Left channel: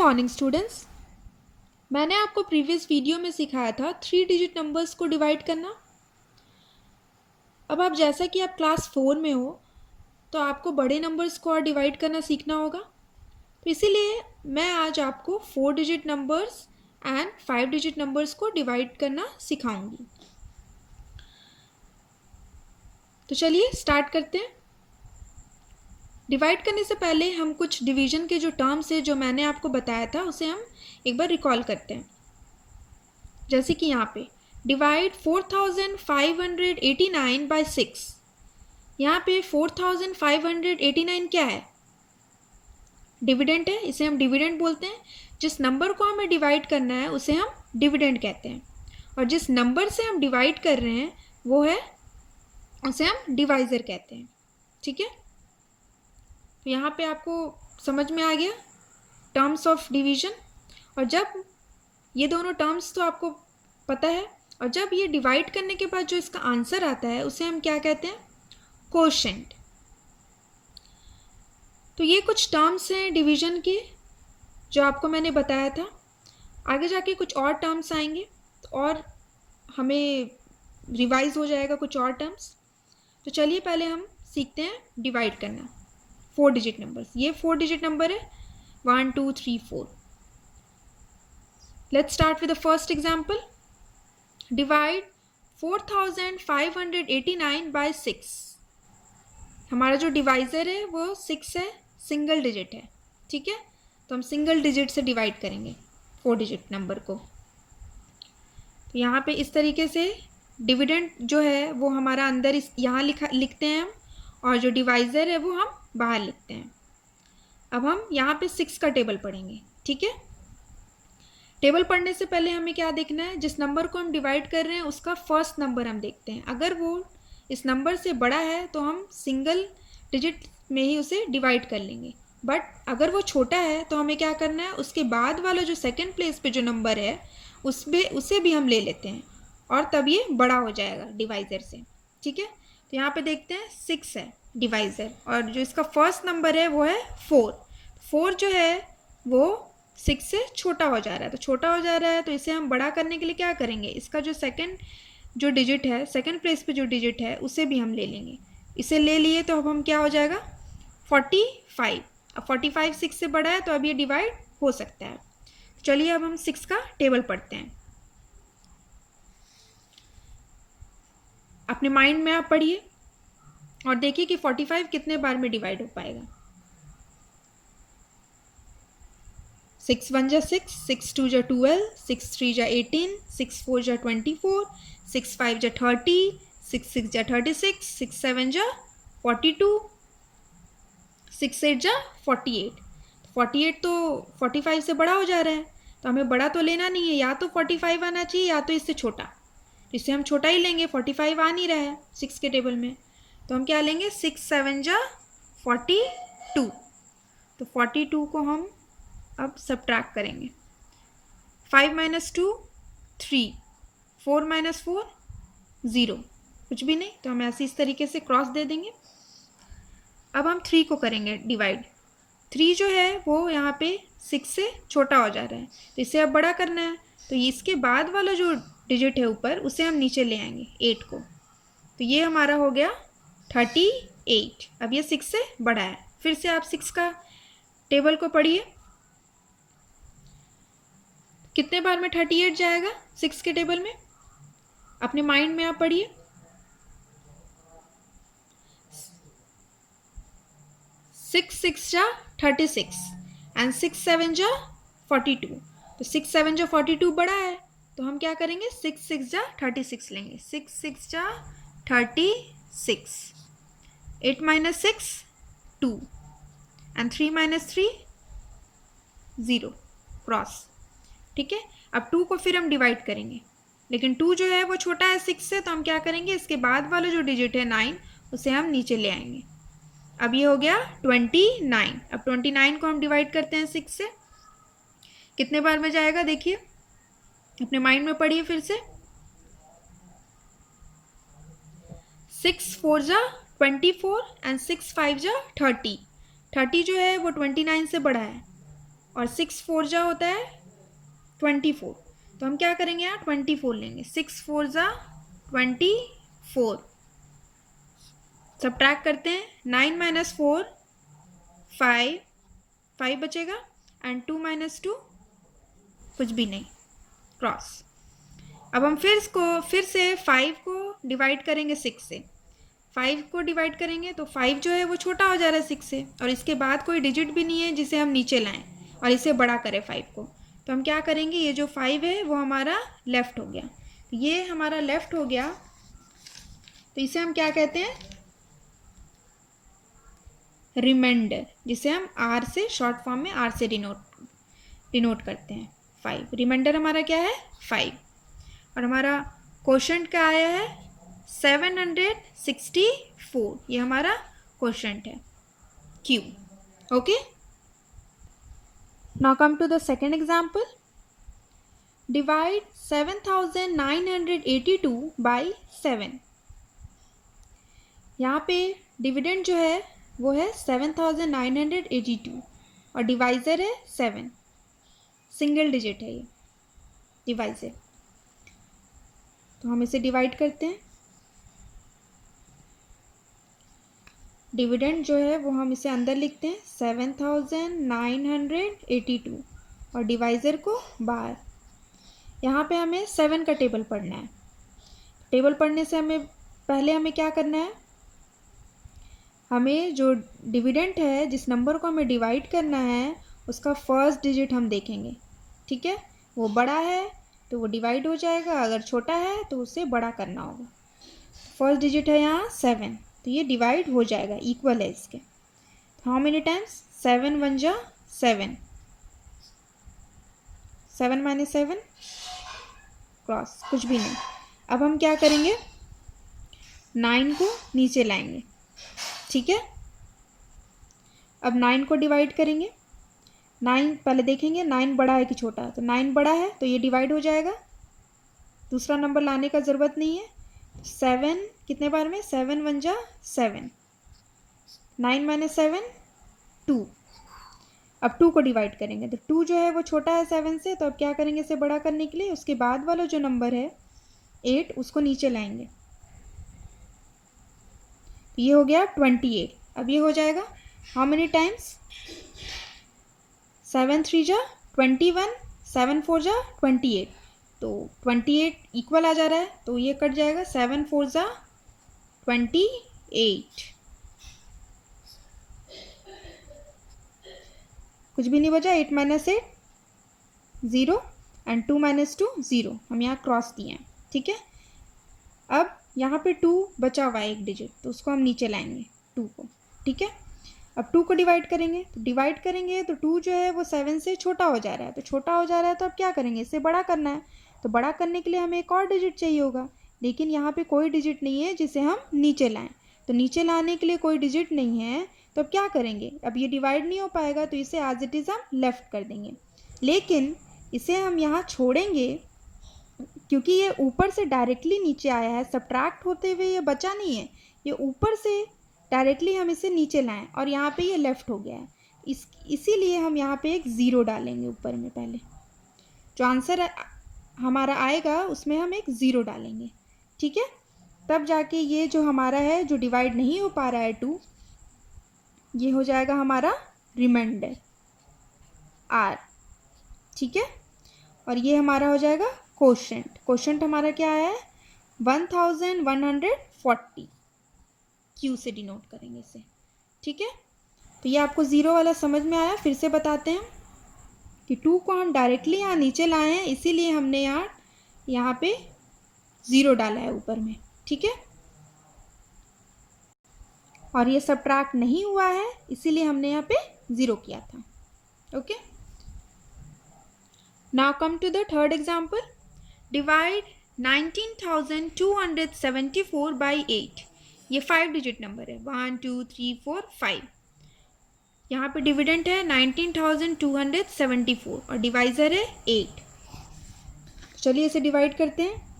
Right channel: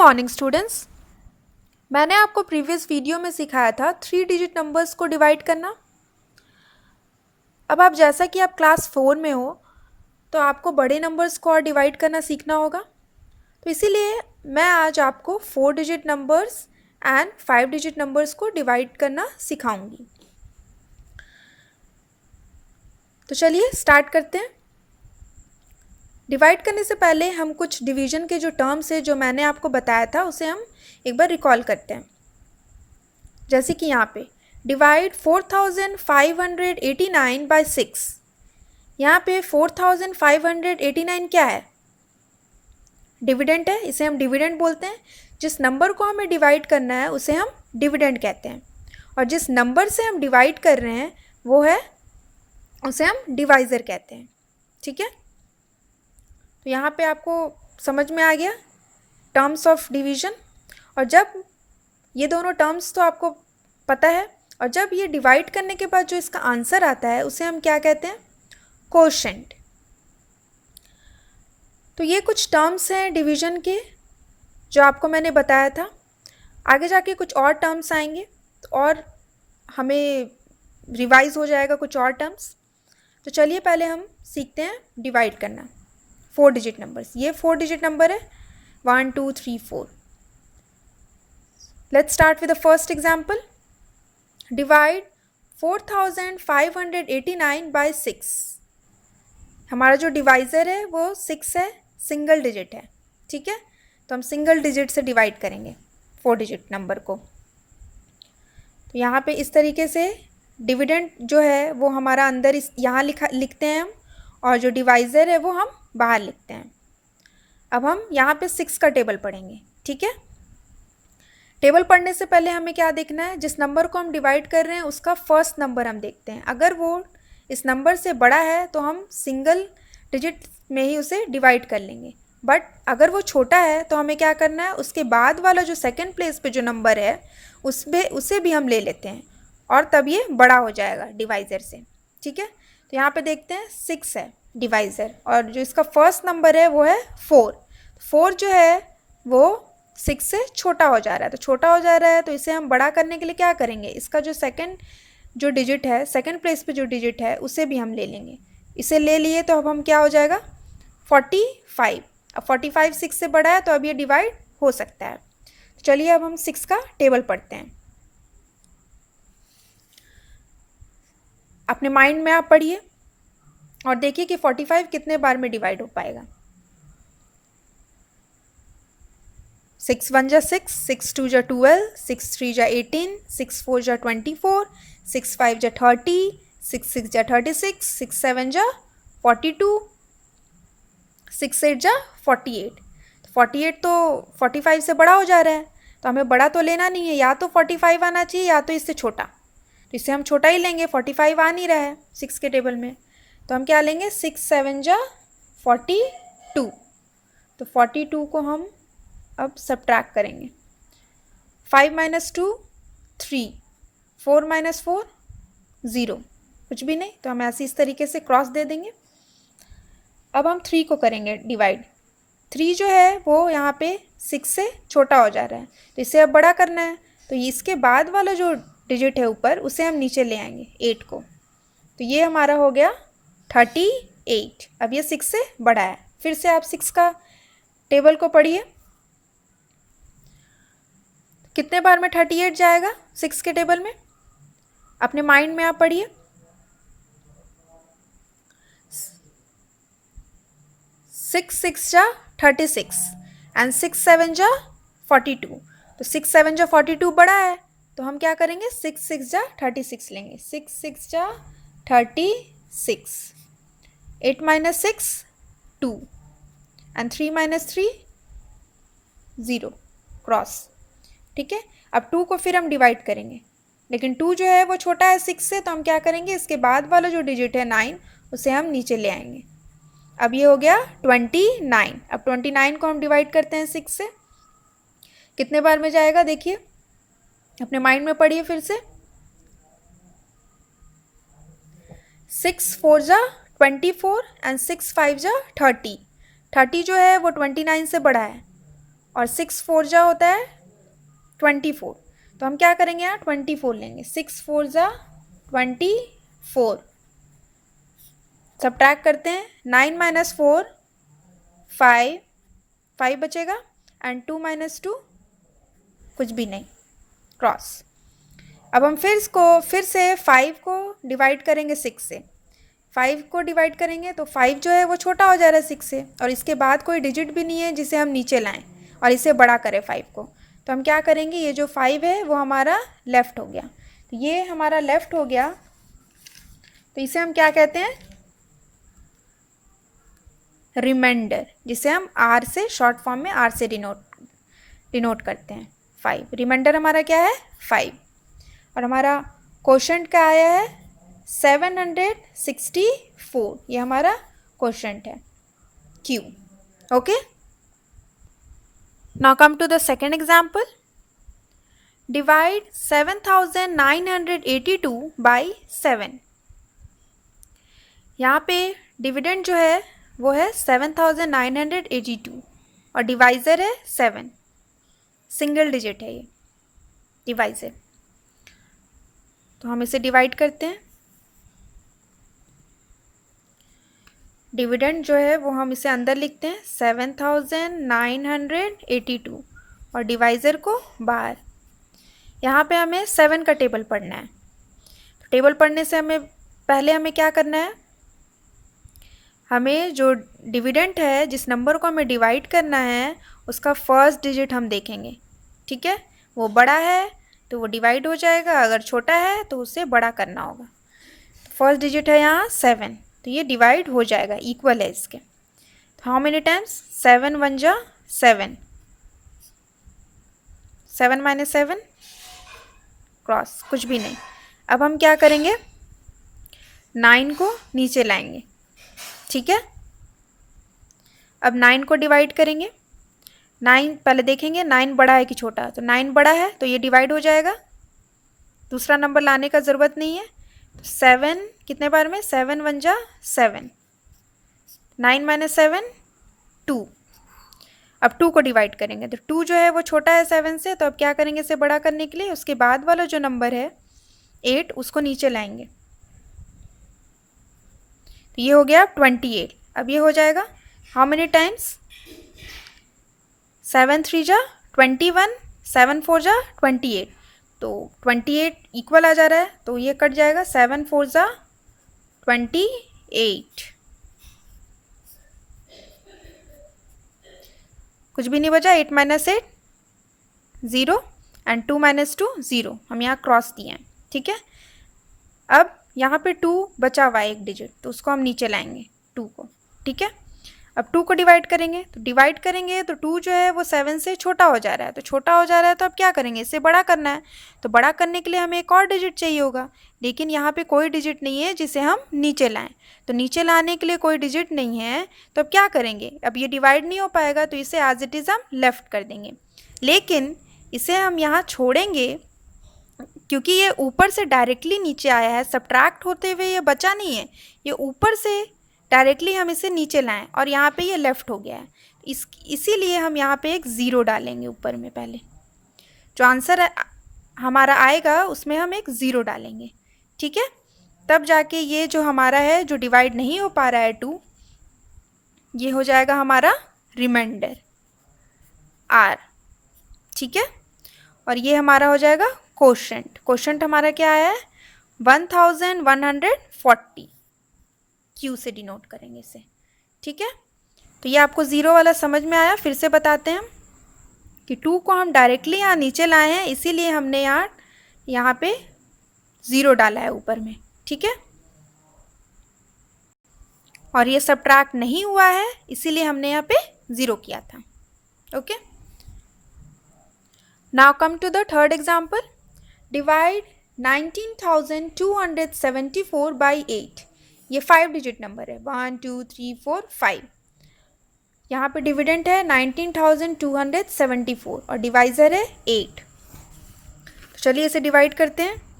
Morning students. मैंने आपको previous video में सिखाया था 3 डिजिट नंबर्स को डिवाइड करना। अब आप जैसा कि आप क्लास 4 में हो तो आपको बड़े नंबर्स को और डिवाइड करना सीखना होगा। तो इसीलिए मैं आज आपको 4 digit numbers and 5 digit numbers को डिवाइड करना सिखाऊंगी। तो चलिए स्टार्ट करते हैं। डिवाइड करने से पहले हम कुछ डिवीज़न के जो टर्म्स है जो मैंने आपको बताया था उसे हम एक बार रिकॉल करते हैं। जैसे कि यहाँ पे डिवाइड 4589 बाय 6। यहाँ पे 4589 क्या है? डिविडेंड है, इसे हम डिविडेंड बोलते हैं। जिस नंबर को हमें डिवाइड करना है उसे हम डिविडेंड कहते हैं, और जिस नंबर से हम डिवाइड कर रहे हैं वो है उसे हम डिवाइज़र कहते हैं। ठीक है, तो यहाँ पे आपको समझ में आ गया टर्म्स ऑफ डिवीज़न। और जब ये दोनों टर्म्स तो आपको पता है, और जब ये डिवाइड करने के बाद जो इसका आंसर आता है उसे हम क्या कहते हैं? कोशेंट। तो ये कुछ टर्म्स हैं डिवीज़न के जो आपको मैंने बताया था। आगे जाके कुछ और टर्म्स आएंगे और हमें रिवाइज हो जाएगा कुछ और टर्म्स। तो चलिए पहले हम सीखते हैं डिवाइड करना 4 डिजिट नंबर्स। ये 4 डिजिट नंबर है 1 2 3 4। Let's start with the first example. Divide 4589 by 6। हमारा जो डिवाइज़र है वो 6 है, सिंगल डिजिट है। ठीक है, तो हम सिंगल डिजिट से डिवाइड करेंगे 4 डिजिट नंबर को। तो यहाँ पे इस तरीके से डिविडेंड जो है वो हमारा अंदर इस यहाँ लिखते हैं हम, और जो डिवाइज़र है वो हम बाहर लिखते हैं। अब हम यहाँ पे 6 का टेबल पढ़ेंगे। ठीक है, टेबल पढ़ने से पहले हमें क्या देखना है? जिस नंबर को हम डिवाइड कर रहे हैं उसका फर्स्ट नंबर हम देखते हैं। अगर वो इस नंबर से बड़ा है तो हम सिंगल डिजिट में ही उसे डिवाइड कर लेंगे, बट अगर वो छोटा है तो हमें क्या करना है? उसके बाद वाला जो सेकंड प्लेस पे जो नंबर है उसे भी हम ले लेते हैं, और तब ये बड़ा हो जाएगा डिवाइज़र से। ठीक है, तो यहाँ पे देखते हैं 6 है डिवाइज़र, और जो इसका फर्स्ट नंबर है वो है 4। 4 जो है वो 6 से छोटा हो जा रहा है, तो छोटा हो जा रहा है तो इसे हम बड़ा करने के लिए क्या करेंगे? इसका जो सेकंड जो डिजिट है, सेकंड प्लेस पे जो डिजिट है उसे भी हम ले लेंगे। इसे ले लिए तो अब हम क्या हो जाएगा? 45। अब 45 6 से बड़ा है तो अब ये डिवाइड हो सकता है। चलिए अब हम 6 का टेबल पढ़ते हैं। अपने माइंड में आप पढ़िए और देखिए कि 45 कितने बार में डिवाइड हो पाएगा। 6 1 जा 6, 6 2 जा 12, 6 3 जा 18, 6 4 जा 24, 6 5 जा 30, 6 6 जा 36, 6 7 जा 42, 6 8 जा 48। 48 तो 45 से बड़ा हो जा रहा है, तो हमें बड़ा तो लेना नहीं है, या तो 45 आना चाहिए या तो इससे छोटा। तो इससे हम छोटा ही लेंगे, 45 आ नहीं रहा है 6 के टेबल में, तो हम क्या लेंगे? 6 7 जा 42। तो 42 को हम अब सब्ट्रैक्ट करेंगे। 5 - 2 3, 4 - 4 0, कुछ भी नहीं, तो हम ऐसे इस तरीके से क्रॉस दे देंगे। अब हम 3 को करेंगे डिवाइड। 3 जो है वो यहाँ पे 6 से छोटा हो जा रहा है, तो इसे अब बड़ा करना है, तो इसके बाद वाला जो डिजिट है ऊपर उसे हम नीचे ले आएंगे 8 को। तो ये हमारा हो गया 38। अब ये 6 से बड़ा है। फिर से आप 6 का टेबल को पढ़िए, कितने बार में 38 जाएगा 6 के टेबल में? अपने माइंड में आप पढ़िए। 6 6 जा 36 एंड 6 7 जा 42। तो 6 7 जा 42 बड़ा है, तो हम क्या करेंगे? 6 6 जा 36 लेंगे। 6 6 जा 36, 8 - 6 2 एंड 3 - 3 0, क्रॉस। ठीक है, अब 2 को फिर हम डिवाइड करेंगे, लेकिन 2 जो है वो छोटा है 6 से, तो हम क्या करेंगे? इसके बाद वाला जो डिजिट है 9 उसे हम नीचे ले आएंगे। अब ये हो गया 29। अब 29 को हम डिवाइड करते हैं 6 से, कितने बार में जाएगा? देखिए अपने माइंड में पढ़िए फिर से। 6 4 जा 24 एंड 6 5 जा 30। 30 जो है वो 29 से बड़ा है, और 6 4 जा होता है 24, तो हम क्या करेंगे यहाँ 24 लेंगे। 6 4 जा 24, सब्ट्रैक्ट करते हैं। 9 माइनस 4 5, 5 बचेगा, एंड 2 माइनस 2 कुछ भी नहीं, क्रॉस। अब हम फिर से 5 को डिवाइड करेंगे 6 से। 5 को डिवाइड करेंगे तो 5 जो है वो छोटा हो जा रहा है 6 से, और इसके बाद कोई डिजिट भी नहीं है जिसे हम नीचे लाएं और इसे बड़ा करें 5 को। तो हम क्या करेंगे, ये जो 5 है वो हमारा लेफ़्ट हो गया, तो ये हमारा लेफ़्ट हो गया, तो इसे हम क्या कहते हैं, रिमाइंडर, जिसे हम आर से शॉर्ट फॉर्म में आर से डिनोट करते हैं। 5 रिमाइंडर हमारा क्या है 5, और हमारा क्वोशंट क्या आया है 764, ये हमारा क्वोशंट है Q। Okay, now come to the second example. Divide 7982 by 7। यहाँ पे डिविडेंड जो है वो है 7982 और डिवाइज़र है 7, सिंगल डिजिट है ये डिवाइज़र। तो हम इसे डिवाइड करते हैं। डिविडेंड जो है वो हम इसे अंदर लिखते हैं 7982 और डिवाइज़र को बाहर। यहाँ पे हमें 7 का टेबल पढ़ना है। टेबल पढ़ने से हमें क्या करना है, हमें जो डिविडेंड है, जिस नंबर को हमें डिवाइड करना है, उसका फर्स्ट डिजिट हम देखेंगे। ठीक है, वो बड़ा है तो वो डिवाइड हो जाएगा, अगर छोटा है तो उसे बड़ा करना होगा। फर्स्ट डिजिट है यहाँ 7, तो ये डिवाइड हो जाएगा, इक्वल है इसके। हाउ मेनी टाइम्स, 7 1 जा 7, 7 माइनस 7 क्रॉस, कुछ भी नहीं। अब हम क्या करेंगे, 9 को नीचे लाएंगे। ठीक है, अब 9 को डिवाइड करेंगे। 9 पहले देखेंगे 9 बड़ा है कि छोटा, तो 9 बड़ा है तो ये डिवाइड हो जाएगा, दूसरा नंबर लाने का ज़रूरत नहीं है। 7 कितने बार में, 7 1 जा 7, 9 माइनस 7 2। अब 2 को डिवाइड करेंगे तो 2 जो है वो छोटा है 7 से, तो अब क्या करेंगे इसे बड़ा करने के लिए, उसके बाद वाला जो नंबर है 8 उसको नीचे लाएंगे, तो ये हो गया 28। अब ये हो जाएगा हाउ मेनी टाइम्स, 7 3 जा 21, 7 4 जा 28, तो 28 इक्वल आ जा रहा है, तो ये कट जाएगा, 7 4 जा 28, कुछ भी नहीं बचा। 8 माइनस 8 0 एंड 2 माइनस 2 0, हम यहाँ क्रॉस दिए हैं। ठीक है, अब यहाँ पे 2 बचा हुआ है एक डिजिट, तो उसको हम नीचे लाएंगे 2 को। ठीक है, अब 2 को डिवाइड करेंगे तो 2 जो है वो 7 से छोटा हो जा रहा है, तो छोटा हो जा रहा है तो अब क्या करेंगे, इसे बड़ा करना है। तो बड़ा करने के लिए हमें एक और डिजिट चाहिए होगा, लेकिन यहाँ पे कोई डिजिट नहीं है जिसे हम नीचे लाएं। तो नीचे लाने के लिए कोई डिजिट नहीं है, तो अब क्या करेंगे, अब ये डिवाइड नहीं हो पाएगा, तो इसे एज इट इज़ हम लेफ़्ट कर देंगे। लेकिन इसे हम यहाँ छोड़ेंगे क्योंकि ये ऊपर से डायरेक्टली नीचे आया है, सब्ट्रैक्ट होते हुए ये बचा नहीं है, ये ऊपर से डायरेक्टली हम इसे नीचे लाएं और यहाँ पे ये लेफ़्ट हो गया है, इसीलिए हम यहाँ पे एक ज़ीरो डालेंगे ऊपर में। पहले जो आंसर हमारा आएगा उसमें हम एक ज़ीरो डालेंगे। ठीक है, तब जाके ये जो हमारा है, जो डिवाइड नहीं हो पा रहा है 2, ये हो जाएगा हमारा रिमाइंडर R। ठीक है, और ये हमारा हो जाएगा क्वोशंट हमारा क्या है 1140, Q से डिनोट करेंगे इसे। ठीक है, तो ये आपको ज़ीरो वाला समझ में आया। फिर से बताते हैं हम कि 2 को हम डायरेक्टली यहाँ नीचे लाए हैं, इसीलिए हमने यहाँ पे ज़ीरो डाला है ऊपर में। ठीक है, और ये सब्ट्रैक्ट नहीं हुआ है, इसीलिए हमने यहाँ पे ज़ीरो किया था। Okay, now come to the third example. Divide 19,274 by 8। ये 5 डिजिट नंबर है, 1 2 3 4 5। यहाँ पे डिविडेंड है 19,274 और डिवाइज़र है 8। चलिए इसे डिवाइड करते हैं।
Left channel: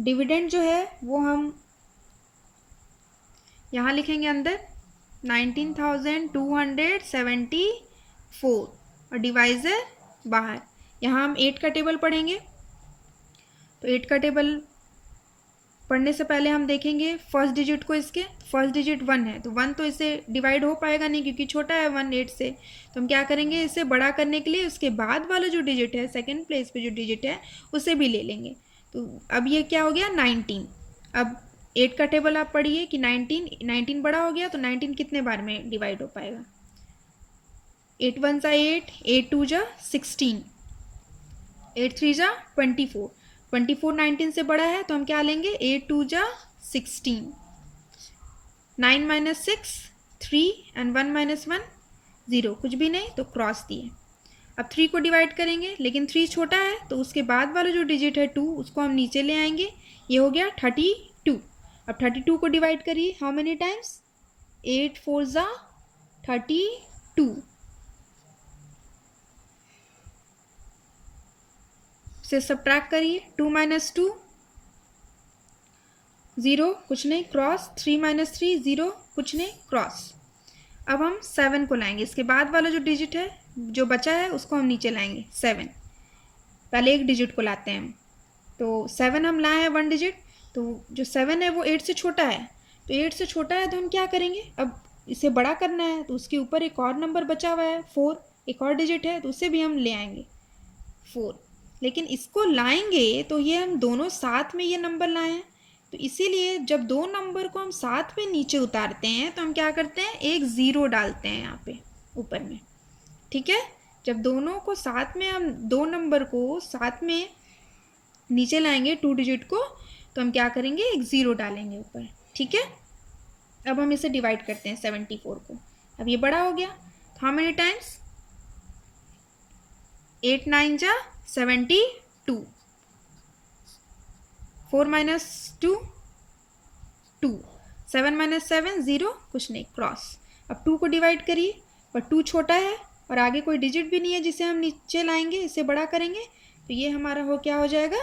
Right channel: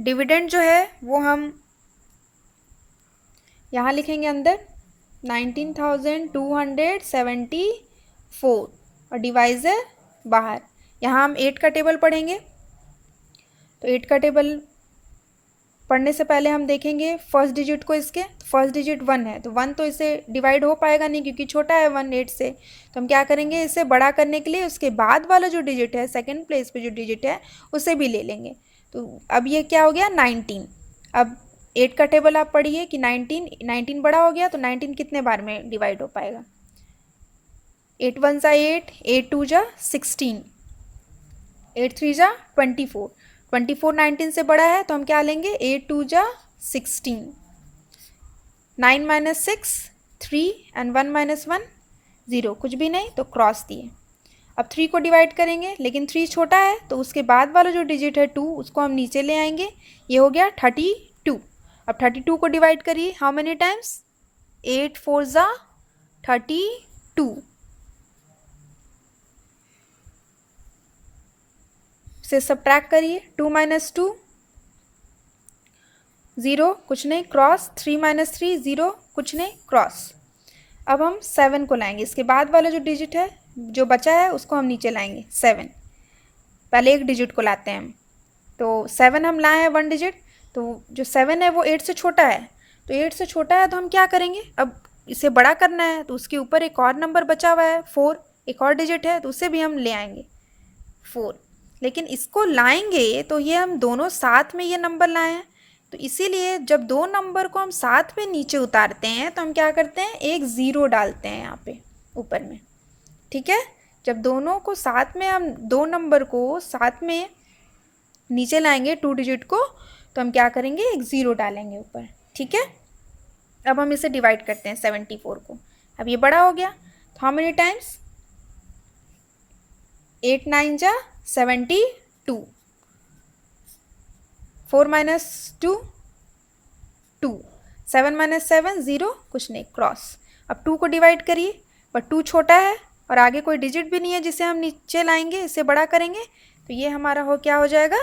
डिविडेंड जो है वो हम यहाँ लिखेंगे अंदर 19,274 और डिवाइज़र बाहर। यहाँ हम 8 का टेबल पढ़ेंगे। तो 8 का टेबल पढ़ने से पहले हम देखेंगे फर्स्ट डिजिट को। इसके फर्स्ट डिजिट 1 है, तो 1 तो इसे डिवाइड हो पाएगा नहीं क्योंकि छोटा है 1 8 से। तो हम क्या करेंगे, इसे बड़ा करने के लिए उसके बाद वाला जो डिजिट है, सेकंड प्लेस पे जो डिजिट है, उसे भी ले लेंगे। तो अब ये क्या हो गया 19। अब 8 का टेबल आप पढ़िए कि 19 बड़ा हो गया, तो 19 कितने बार में डिवाइड हो पाएगा। 8 1 ज़ा 8, 8 2 ज़ा 16, 8 3 ज़ा 24, 24 19 से बड़ा है, तो हम क्या लेंगे 8 2 ज़ा 16, 9 माइनस 6 3 एंड 1 माइनस 1 0, कुछ भी नहीं, तो क्रॉस दिए। अब 3 को डिवाइड करेंगे, लेकिन 3 छोटा है, तो उसके बाद वाला जो डिजिट है 2, उसको हम नीचे ले आएंगे। ये हो गया 32। अब 32 को डिवाइड करिए, हाउ मेनी टाइम्स, 8 4 ज़ा 32 से सब्ट्रैक्ट करिए। 2 माइनस 2 0, कुछ नहीं, क्रॉस। 3 माइनस 3 0, कुछ नहीं, क्रॉस। अब हम 7 को लाएंगे, इसके बाद वाला जो डिजिट है जो बचा है उसको हम नीचे लाएंगे 7। पहले एक डिजिट को लाते हैं हम, तो 7 हम लाए हैं 1 डिजिट, तो जो 7 है वो 8 से छोटा है। तो 8 से छोटा है तो हम क्या करेंगे, अब इसे बड़ा करना है, तो उसके ऊपर एक और नंबर बचा हुआ है 4, एक और डिजिट है, तो उसे भी हम ले आएंगे 4। लेकिन इसको लाएंगे तो ये हम दोनों साथ में ये नंबर लाए हैं, तो इसीलिए जब दो नंबर को हम साथ में नीचे उतारते हैं तो हम क्या करते हैं, एक ज़ीरो डालते हैं यहाँ पे ऊपर में। ठीक है, जब दोनों को साथ में, हम दो नंबर को साथ में नीचे लाएंगे 2 डिजिट को, तो हम क्या करेंगे, एक ज़ीरो डालेंगे ऊपर। ठीक है, अब हम इसे डिवाइड करते हैं 74 को। अब ये बड़ा हो गया, तो हाउ मेनी टाइम्स, 8 9 ज़ा 72, 4 माइनस 2 2, 7 माइनस 7 0, कुछ नहीं, क्रॉस। अब 2 को डिवाइड करिए, पर 2 छोटा है और आगे कोई डिजिट भी नहीं है जिसे हम नीचे लाएंगे, इसे बड़ा करेंगे, तो ये हमारा क्या हो जाएगा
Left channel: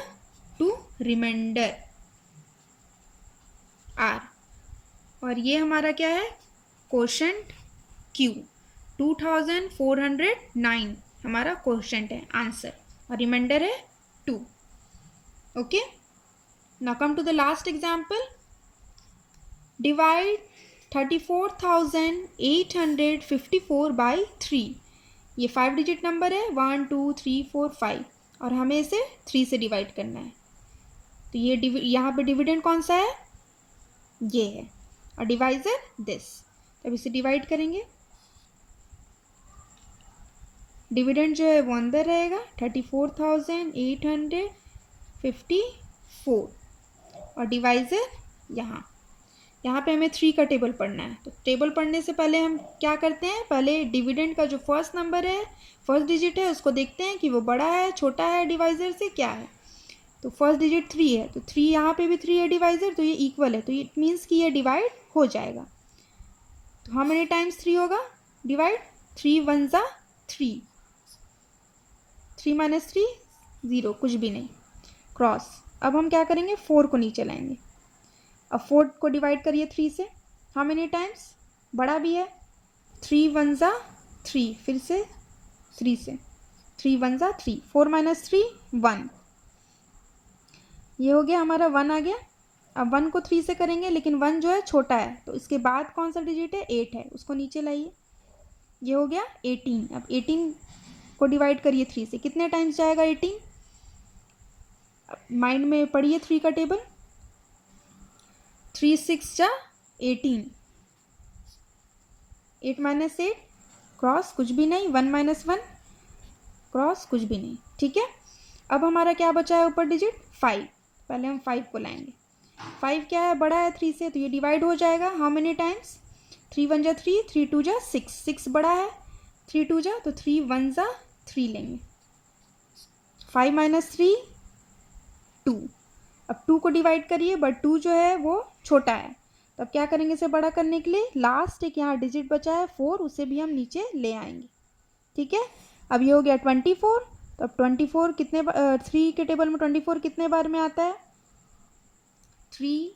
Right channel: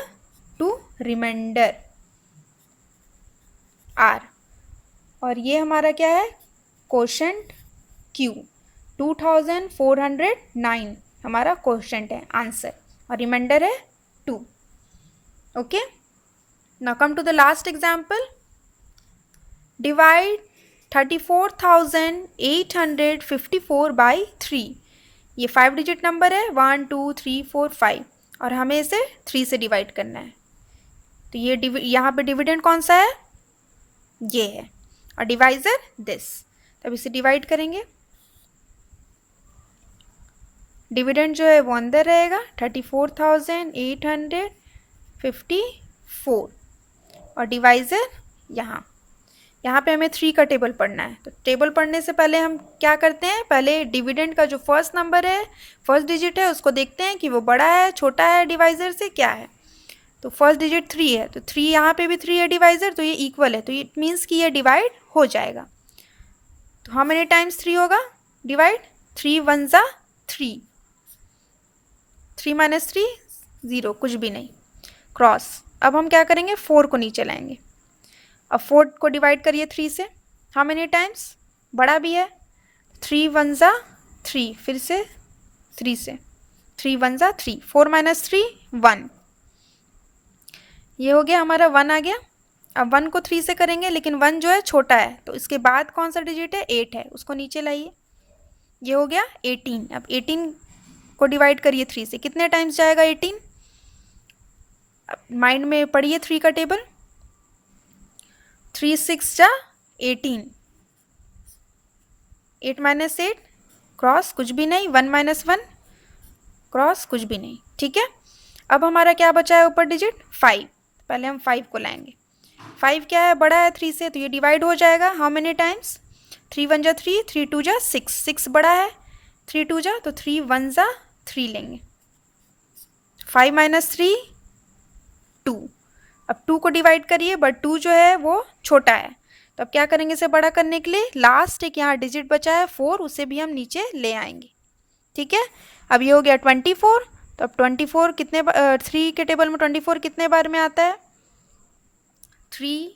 2 रिमाइंडर R। और ये हमारा क्या है, कोशेंट Q। 2409 हमारा कोशेंट है, आंसर, और रिमाइंडर है 2। Okay, now come to the last example. Divide 34,854 by 3। ये 5 डिजिट नंबर है, 1 2 3 4 5, और हमें इसे 3 से डिवाइड करना है। तो ये यहाँ पे डिविडेंड कौन सा है, ये है, और डिवाइजर दिस। तब इसे डिवाइड करेंगे, डिविडेंड जो है वो अंदर रहेगा 34,854, और डिवाइजर यहाँ पे हमें 3 का टेबल पढ़ना है। तो टेबल पढ़ने से पहले हम क्या करते हैं, पहले डिविडेंड का जो फर्स्ट नंबर है, फर्स्ट डिजिट है, उसको देखते हैं कि वो बड़ा है छोटा है डिवाइज़र से, क्या है। तो फर्स्ट डिजिट 3 है, तो 3 यहाँ पे भी 3 है डिवाइज़र, तो ये इक्वल है, तो इट मीन्स कि ये डिवाइड हो जाएगा। तो हाउ मेनी टाइम्स 3 होगा डिवाइड, 3 1 ज़ा 3, 3 माइनस 3 0, कुछ भी नहीं, क्रॉस। अब हम क्या करेंगे, 4 को नीचे लाएंगे। अब 4 को डिवाइड करिए 3 से, हाउ मेनी टाइम्स, बड़ा भी है, 3 1 ज़ा 3, फिर से 3 से, 3 1 ज़ा 3, 4 माइनस 3 1, ये हो गया हमारा 1 आ गया। अब 1 को 3 से करेंगे, लेकिन 1 जो है छोटा है, तो इसके बाद कौन सा डिजिट है, 8 है, उसको नीचे लाइए, ये हो गया 18। अब 18 को डिवाइड करिए 3 से, कितने टाइम्स जाएगा 18, माइंड में पढ़िए 3 का टेबल, 3 6 ज़ा 18, 8 माइनस 8 क्रॉस, कुछ भी नहीं, 1 माइनस 1 क्रॉस, कुछ भी नहीं। ठीक है, अब हमारा क्या बचा है ऊपर डिजिट, 5। पहले हम 5 को लाएंगे, 5 क्या है, बड़ा है 3 से, तो ये डिवाइड हो जाएगा, हाउ मेनी टाइम्स, 3 1 ज़ा 3, 3 2 ज़ा 6, 6 बड़ा है, 3 2 ज़ा, तो 3 1 ज़ा 3 लेंगे, 5 माइनस 3 2। अब 2 को डिवाइड करिए, बट 2 जो है वो छोटा है, तो अब क्या करेंगे इसे बड़ा करने के लिए, लास्ट एक यहाँ डिजिट बचा है 4, उसे भी हम नीचे ले आएंगे। ठीक है, अब ये हो गया 24। तो अब 24 कितने 3 के टेबल में 24 कितने बार में आता है, 3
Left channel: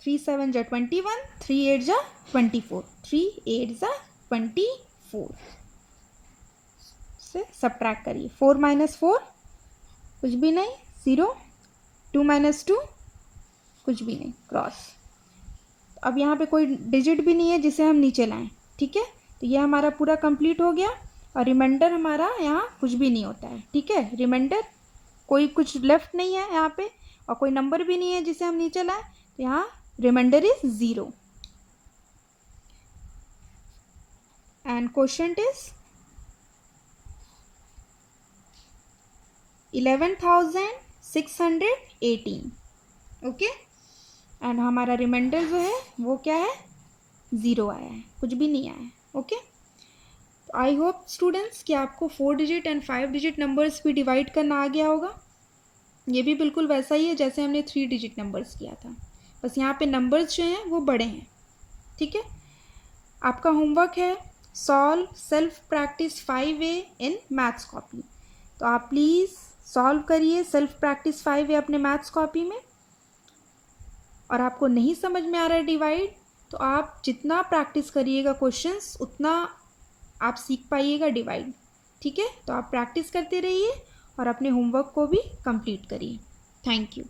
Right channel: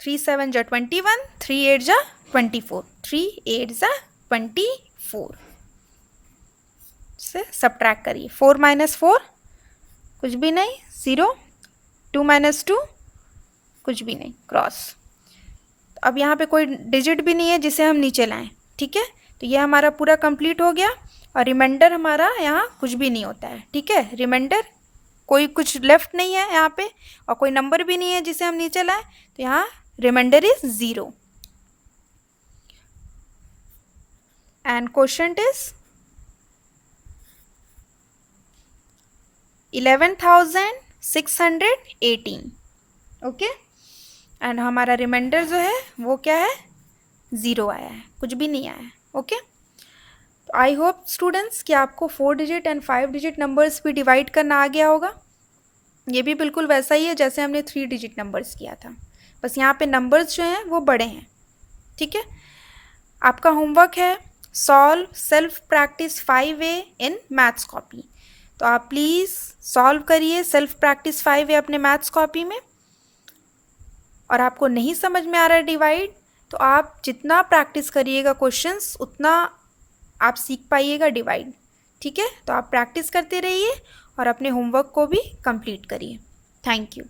3 7 जा 21, 3 8 जा 24, 3 8 जा 24 से सब्ट्रैक्ट करिए। 4 माइनस 4 कुछ भी नहीं, 0, 2 माइनस 2 कुछ भी नहीं, क्रॉस। अब यहाँ पे कोई डिजिट भी नहीं है जिसे हम नीचे लाएं, ठीक है। तो ये हमारा पूरा कंप्लीट हो गया और रिमाइंडर हमारा यहाँ कुछ भी नहीं होता है, ठीक है। रिमाइंडर कोई कुछ लेफ्ट नहीं है यहाँ पे और कोई नंबर भी नहीं है जिसे हम नीचे लाएं, तो यहाँ reminder is 0 and quotient is 11,618, okay. And हमारा रिमाइंडर जो है वो क्या है, 0 आया है, कुछ भी नहीं आया है, ओके। तो आई होप स्टूडेंट्स कि आपको 4 डिजिट एंड 5 डिजिट नंबर्स भी डिवाइड करना आ गया होगा। ये भी बिल्कुल वैसा ही है जैसे हमने 3 डिजिट नंबर्स किया था, बस यहाँ पे नंबर्स जो हैं वो बड़े हैं, ठीक है। आपका होमवर्क है solve self practice 5A in maths copy. तो आप प्लीज़ सॉल्व करिए सेल्फ प्रैक्टिस 5A अपने मैथ्स कॉपी में। और आपको नहीं समझ में आ रहा है डिवाइड, तो आप जितना प्रैक्टिस करिएगा क्वेश्चंस उतना आप सीख पाइएगा डिवाइड, ठीक है। तो आप प्रैक्टिस करते रहिए और अपने होमवर्क को भी कंप्लीट करिए। Thank you.